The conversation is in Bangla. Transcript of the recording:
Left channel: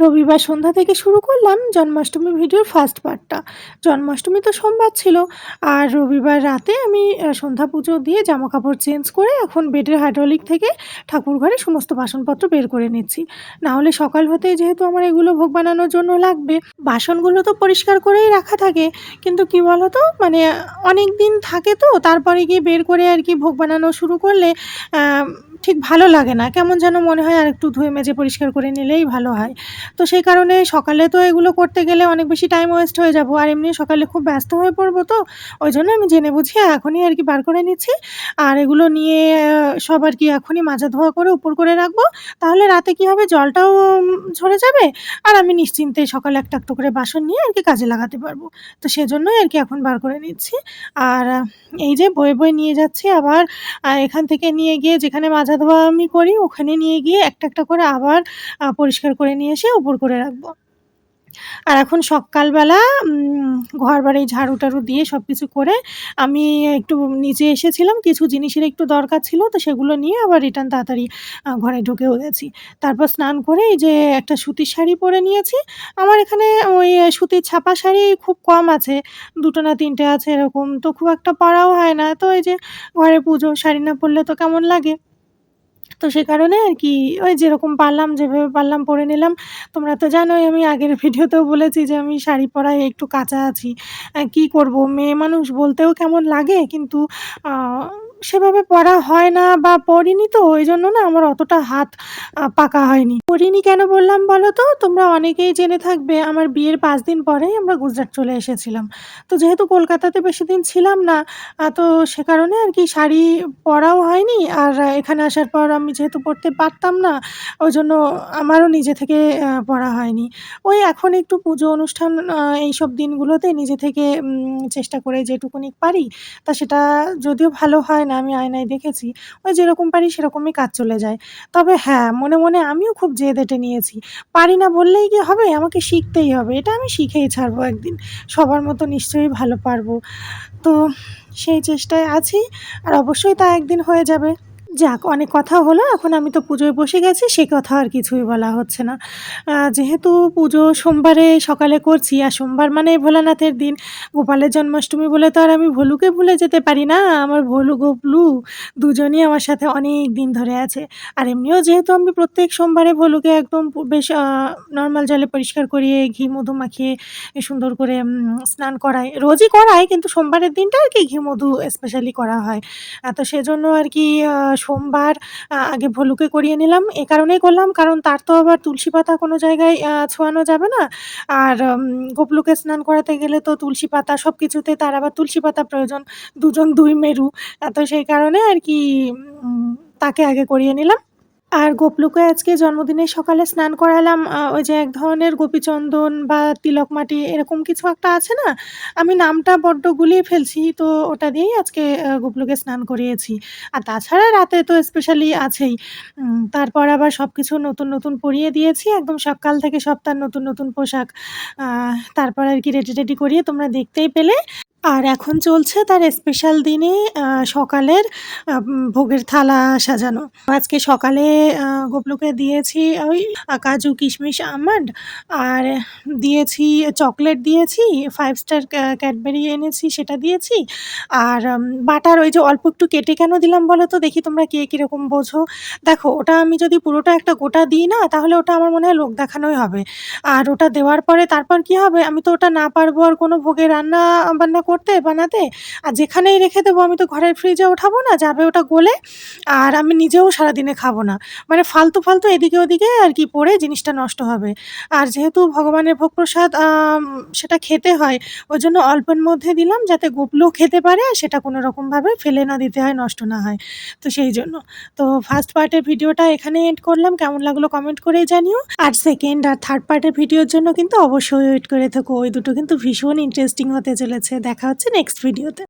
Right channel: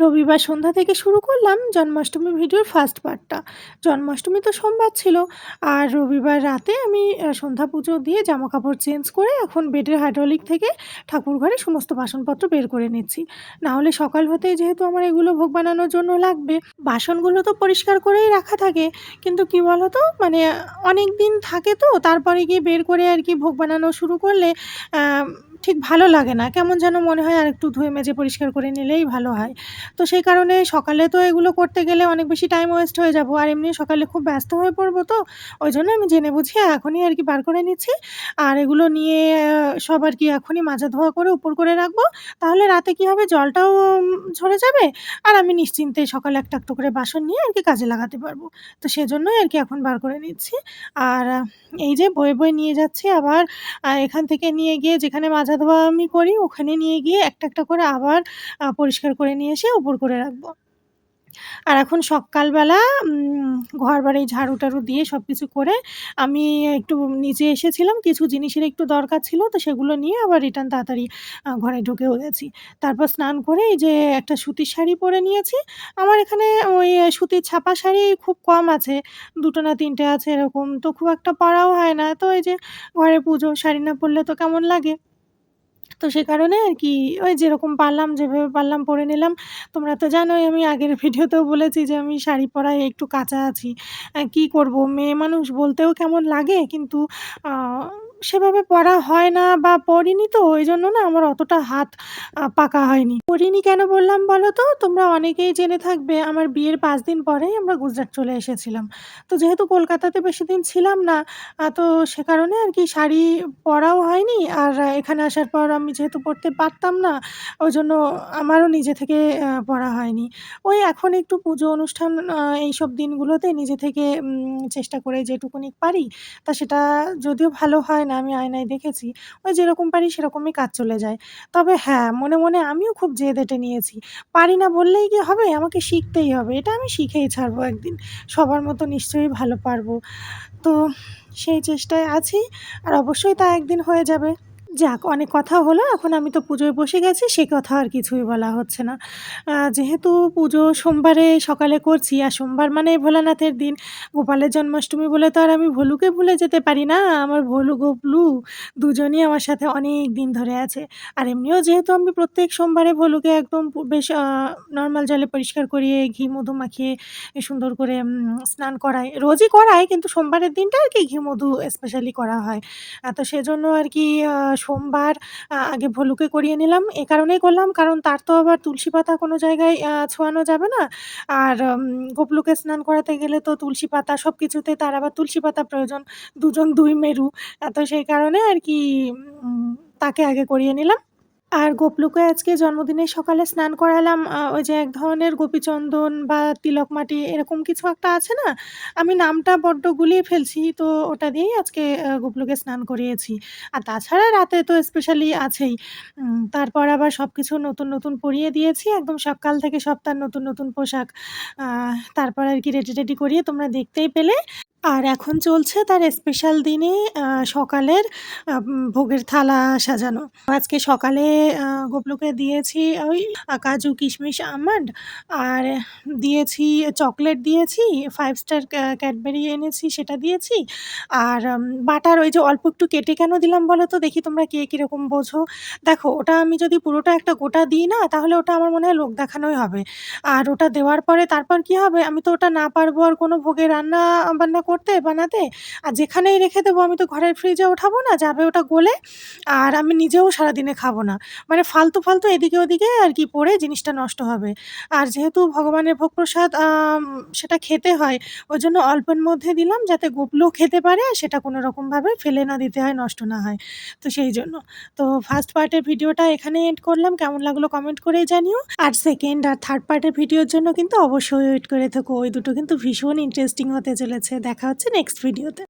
রবিবার সন্ধ্যা থেকে শুরু করলাম জন্মাষ্টমী ভিডিওর ফার্স্ট পার্টটা। জন্মাষ্টমী তো সোমবার ছিল, আর রবিবার রাতে আমি সন্ধ্যা পুজো দিয়ে জামাকাপড় চেঞ্জ করে এখন বেডের হাইড্রোলিক থেকে ঠাকুর ঘরে সমস্ত বাসনপত্র বের করে নিচ্ছি। না হলে সকাল হতেই যেহেতু আমার এগুলো ভোগ বানানোর জন্য লাগবে, বাসনগুলো তো পরিষ্কার করেই রাখা থাকে, কিন্তু কি বলো তো, মানে অনেক দিন থাকে তো তারপরে গিয়ে বের করে আর কি ভোগ বানানো শুরু করলে আহ, ঠিক ভালো লাগে না, কেমন যেন মনে হয় আর একটু ধুয়ে মেজে পরিষ্কার করে নিলেই ভালো হয়। তো সেই কারণে সকালে তো এগুলো করতে গেলে অনেক বেশি টাইম ওয়েস্ট হয়ে যাব, আর এমনি সকালে খুব ব্যস্ত হয়ে পড়বো, তো ওই জন্য আমি জেনে বুঝিয়ে এখনই আর কি বার করে নিচ্ছি। আর এগুলো নিয়ে সব আর কি এখনই মাজা ধোয়া করে উপর করে রাখবো। তাহলে রাতে কি হবে, জলটাও ঝরে যাবে, আর আমি নিশ্চিন্তে সকালে একটা একটা করে বাসন নিয়ে আর কি কাজে লাগাতে পারবো। তো সেজন্যই আর কি এখন বার করে নিচ্ছি। আর এই যে বয়ে বয়ে নিয়ে যাচ্ছি আবার, এখান থেকে নিয়ে গিয়ে যেখানে মাজা ধোয়া আমি করি ওখানে নিয়ে গিয়ে একটা একটা করে আবার পরিষ্কার করে নিয়ে এসে উপর করে রাখবো। আর এখন সকালবেলা ঘরবাড়ি ঝাড়ু-টাড়ু দিয়ে সবকিছু করে আমি একটু নিচে এসেছিলাম। কিছু জিনিসের একটু দরকার ছিল, তো সেগুলো নিয়ে আবার রিটার্ন তাড়াতাড়ি ঘরে ঢুকেও গেছি। তারপর স্নান করে এই যে একটা সুতির শাড়ি পরে নিয়েছি। আমার এখানে ওই সুতির ছাপা শাড়ি খুব কম আছে। ২ টো না ৩ টে আছে এরকম। তো খুব একটা পরাও হয় না। তো এই যে ঘরে পুজো, শাড়ি না পরলে তো কেমন লাগে। তো সে কারণে আর কি ওই যেরকম পারলাম, যেভাবে পারলাম পরে নিলাম। তোমরা তো জানোই আমি আগের ভিডিওতেও বলেছি যে আমি শাড়ি পরায় একটু কাঁচা আছি। কি করব, মেয়ে মানুষ বলতেও কেমন লাগে, কিন্তু আ সেভাবে পরা হয় না বা পরিনি, তো ওইজন্য না আমার অতটা হাত পাকা হয়নি। পরিনি কেন বললাম বলো তো? তোমরা অনেকেই জেনে থাকবে আমার বিয়ের ৫ দিন পরেই আমরা গুজরাট চলে এসেছিলাম। তো যেহেতু কলকাতাতে বেশিদিন ছিলাম না, তো সে কারণে আর কি শাড়ি পরাও হয়নি। আর এখানে আসার পর আমি যেহেতু পরতে পারতাম না, ওইজন্য আমারও নিজে থেকে পরা হয়নি। ওই এখন একটু পুজো অনুষ্ঠান এইসব দিনগুলোতে নিজে থেকে চেষ্টা করে যেটুকুনি পারি, তা সেটা যদিও ভালো হয় না, আমি আয়নায় দেখেছি। ওই যেরকম পারি সেরকমই কাজ চলে যায়। তবে হ্যাঁ, মনে মনে আমিও খুব জেদ এঁটে নিয়েছি। পারি না বললেই কি হবে? আমাকে শিখতেই হবে। এটা আমি শিখেই ছাড়বো একদিন। সবার মতো নিশ্চয়ই ভালো পারবো। তো সেই চেষ্টায় আছি, আর অবশ্যই তা একদিন হয়ে যাবে। যাক, অনেক কথা হলো, এখন আমি তো পুজোয় বসে গেছি, সে কথা আর কিছুই বলা হচ্ছে না। যেহেতু পুজো সোমবারে সকালে করছি, আর সোমবার মানে ভোলানাথের দিন, গোপালের জন্মাষ্টমী বলে তো আর আমি ভোলুকে ভুলে যেতে পারি না। আমার ভোলু গোপলু দুজনই আমার সাথে অনেক দিন ধরে আছে। আর এমনিও যেহেতু আমি প্রত্যেক সোমবারে ভোলুকে একদম বেশ নর্মাল জলে পরিষ্কার করিয়ে ঘি মধু মাখিয়ে সুন্দর করে স্নান করাই, রোজই করাই, কিন্তু সোমবারের দিনটা আর কি ঘি মধু স্পেশালি করা হয়। তো সেজন্য আর কি সোমবার আগে ভলুকে করিয়ে নিলাম। এ কারণেই করলাম, কারণ তার তো আবার তুলসী পাতা কোনো জায়গায় ছোঁয়ানো যাবে না। আর গোপলুকে স্নান করাতে গেলে তো তুলসী পাতা সবকিছুতে তার আবার তুলসী পাতা প্রয়োজন। দুজন দুই মেরু। তো সেই কারণে আর কি উম তাকে আগে করিয়ে নিলাম। আর গোপলুকে আজকে জন্মদিনে সকালে স্নান করালাম ওই যে এক ধরনের গোপীচন্দন বা তিলক মাটি এরকম কিছু একটা আছে না? আমি নামটা বড্ড গুলিয়ে ফেলছি। তো ওটা দিয়েই আজকে গোপলুকে স্নান করিয়েছি। আর তাছাড়া রাতে তো স্পেশালি আছেই। তারপর আবার সবকিছু নতুন, নতুন পরিয়ে দিয়েছি। একদম সকাল থেকে সব তার নতুন, নতুন পোশাক। তারপর আর কি রেডি-টেডি করিয়ে তোমরা দেখতেই পেলে। আর এখন চলছে তার স্পেশাল দিনে সকালের ভোগের থালা সাজানো। আজকে সকালে গোপলুকে দিয়েছি ওই কাজু, কিশমিশ, আমন্ড, আর দিয়েছি চকলেট দিয়েছি, 5 স্টার ক্যাডবেরি এনেছি সেটা দিয়েছি। আর বাটার ওই যে অল্প একটু কেটে কেন দিলাম বলো তো? দেখি তোমরা কে কীরকম বোঝো। দেখো, ওটা আমি যদি পুরোটা একটা গোটা দিই না, তাহলে ওটা আমার মনে হয় লোক দেখানোই হবে। আর ওটা দেওয়ার পরে তারপর কি হবে, আমি তো ওটা না পারবো আর কোনো ভোগে রান্না-বান্না করতে, বানাতে। আর যেখানেই রেখে দেবো আমি তো ঘরের ফ্রিজে ওঠাবো না, যাবে ওটা গলে। আর আমি নিজেও সারাদিনে খাবো না। মানে ফালতু, ফালতু এদিকে ওদিকে আর কি পড়ে জিনিসটা নষ্ট হবে। আর যেহেতু ভগবানের ভোগ প্রসাদ সেটা খেতে হয়, ওইজন্য অল্পের মধ্যে দিলাম যাতে গোপলুও খেতে পারে আর সেটা কোনো রকমভাবে ফেলে না দিতে হয়, নষ্ট না হয়। তো সেই জন্য। তো ফার্স্ট পার্টের ভিডিওটা এখানেই এন্ড করলাম। কেমন লাগলো কমেন্ট করেই জানিও। আর সেকেন্ড আর থার্ড পার্টের ভিডিওর জন্য কিন্তু অবশ্যই ওয়েট করে থেকো। ওই দুটো কিন্তু ভীষণ ইন্টারেস্টিং হতে চলেছে। দেখা হচ্ছে নেক্সট ভিডিওতে।